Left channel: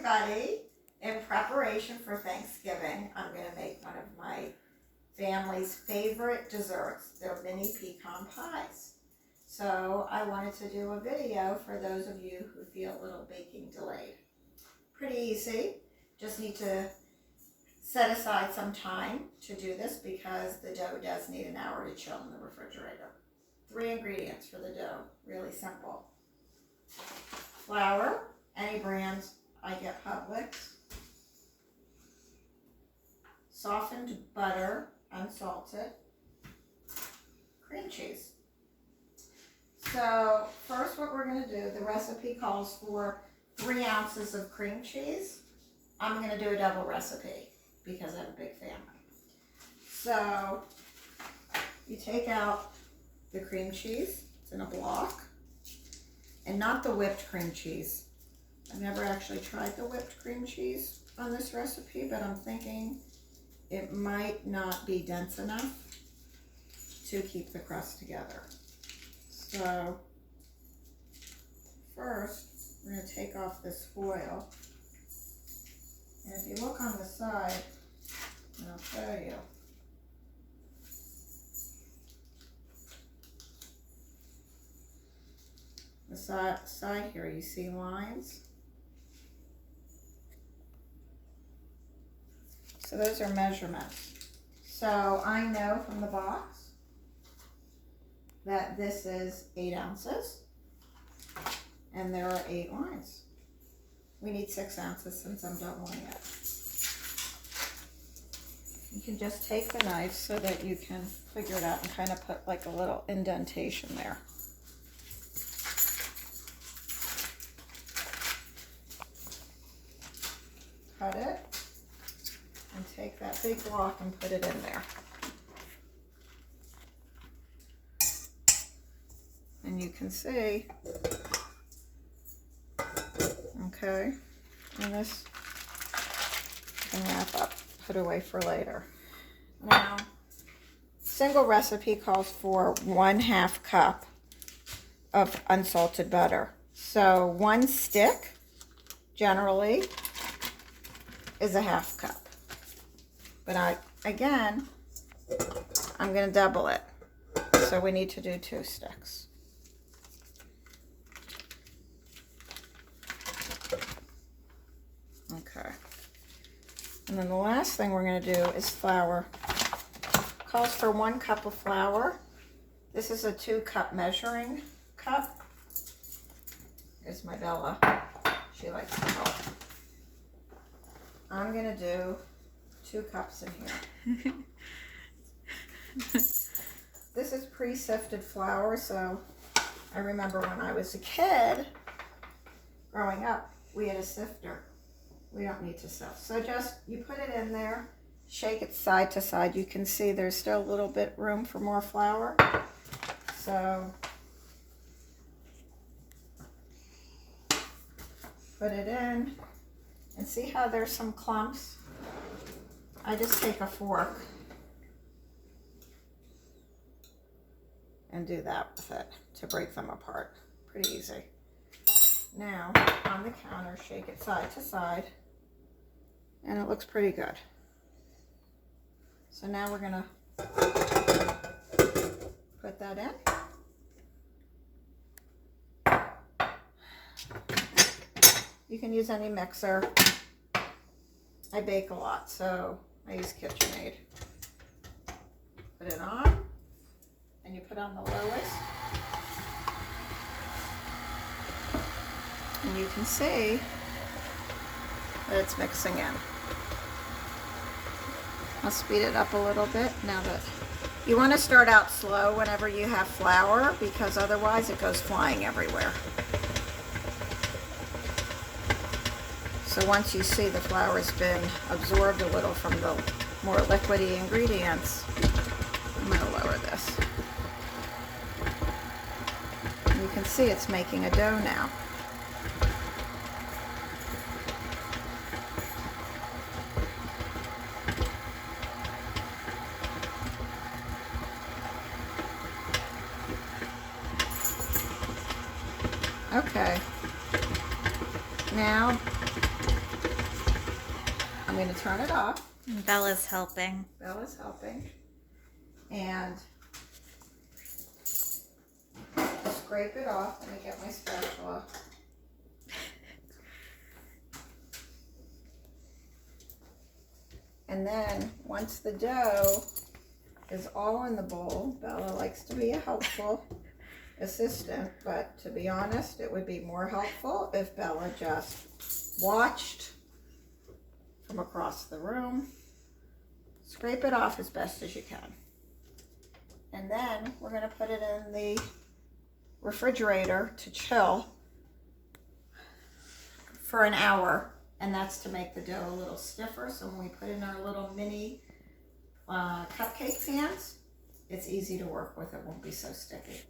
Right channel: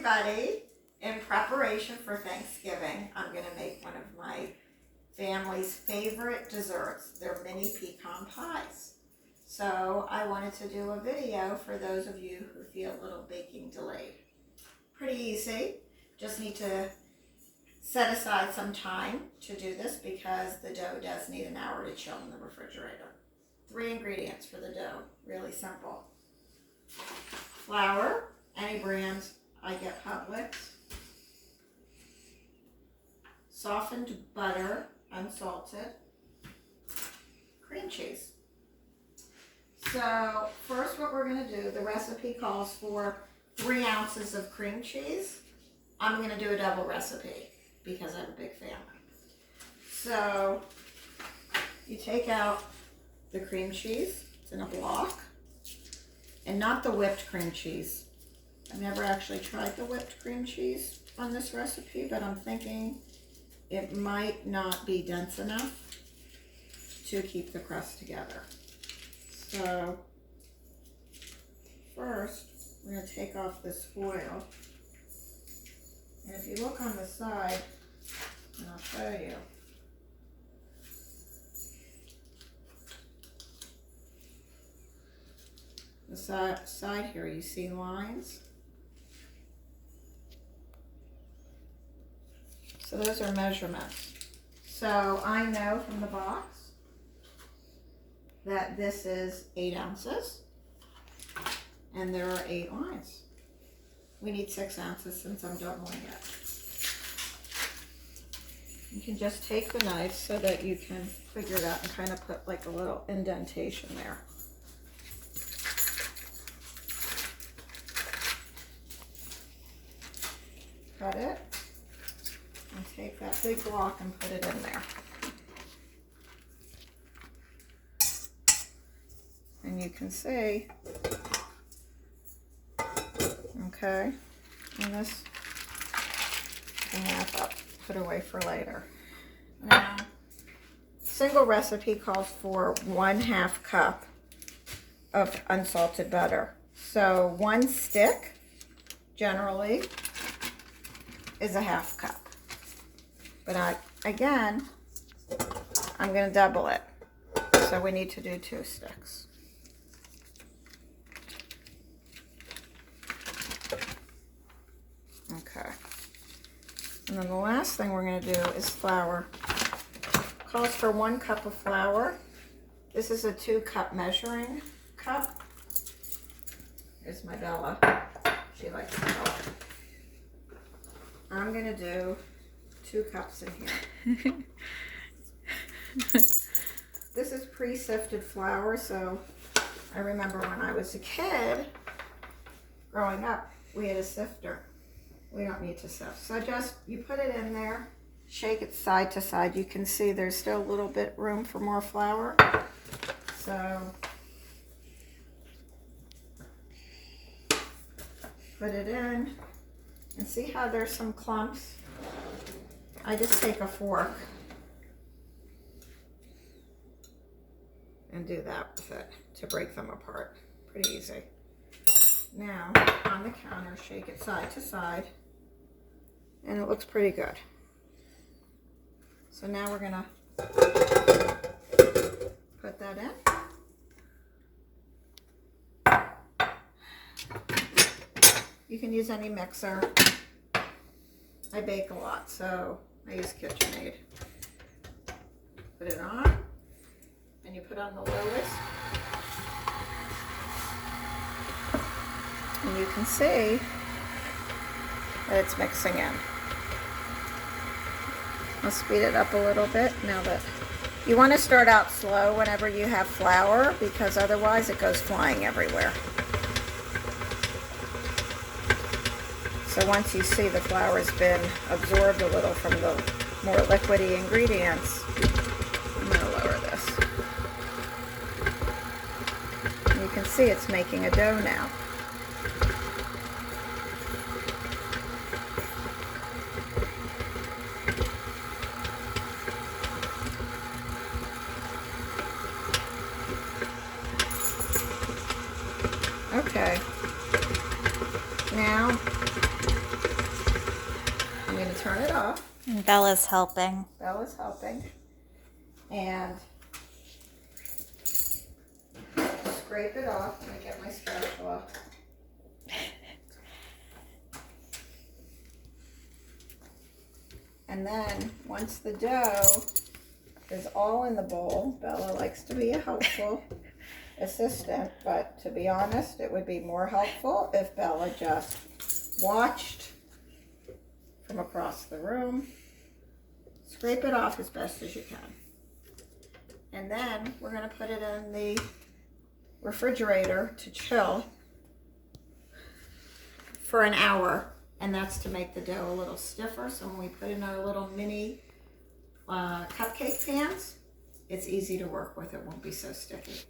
everybody. In preparation for Thanksgiving, I'm going to make one of my family's favorite desserts. They're mini pecan pies. So I wanted to do a video for those of you who feel a little baking delayed. Pretty easy. Just need to set aside some time to do this because the dough does need an hour to chill in the refrigerator. 3 ingredients for the dough, really simple. Flour, any brand, I get Publix. Softened butter, unsalted. Cream cheese. So first what we're going to do, the recipe calls for 3 ounces of cream cheese. I'm going to do a double recipe because I have a big family. So you take out the cream cheese, it's in a block, and not the whipped cream cheese. I've never actually tried the whipped cream cheese on this recipe, but I'm thinking it might not be dense enough to keep the crust together. So first, we're going to take off this foil. And if you look on the side, and I'll show you, the side here, you see lines? So those are measurements. So I know from the box that this is 8 ounces and there are 8 lines. We need 6 ounces since I'm doubling it. You can just take the knife so that you can figure it out and kind of put like a little indentation there. Cut it and take that big block and put it in there. And you can see, okay, and this can wrap up, put away for later. Now, single recipe calls for 1/2 cup of unsalted butter. So 1 stick generally is a 1/2 cup. But again, I'm going to double it. So we need to do 2 sticks. Okay. And then the last thing we're going to do is flour. Calls for 1 cup of flour. This is a 2-cup measuring cup. Here's my Bella. She likes to help. I'm going to do 2 cups in here. This is pre-sifted flour, so I remember when I was a kid, growing up, we had a sifter. We don't need to sift. So just, you put it in there, shake it side to side. You can see there's still a little bit room for more flour. So put it in, and see how there's some clumps? I just take a fork and do that with it to break them apart. Pretty easy. Now, on the counter, shake it side to side, and it looks pretty good. So now we're gonna put that in. You can use any mixer. I bake a lot, so I use KitchenAid. Put it on, and you put on the lowest. And you can see that it's mixing in. I'll speed it up a little bit now that you want to start out slow whenever you have flour, because otherwise it goes flying everywhere. So once you see the flour has been absorbed a little from the more liquidy ingredients, I'm going to lower this. And you can see it's making a dough now. Okay. Now going to turn it off. And Bella's helping. Bella's helping. And scrape it off. Let me get my spatula. And then once the dough is all in the bowl, Bella likes to be a helpful assistant, but to be honest, it would be more helpful if Bella just watched from across the room. Scrape it off as best as you can. And then we're going to put it in the refrigerator to chill for an hour. And that's to make the dough a little stiffer. So when we put in our little mini cupcake pans, it's easy to work with. It won't be so sticky.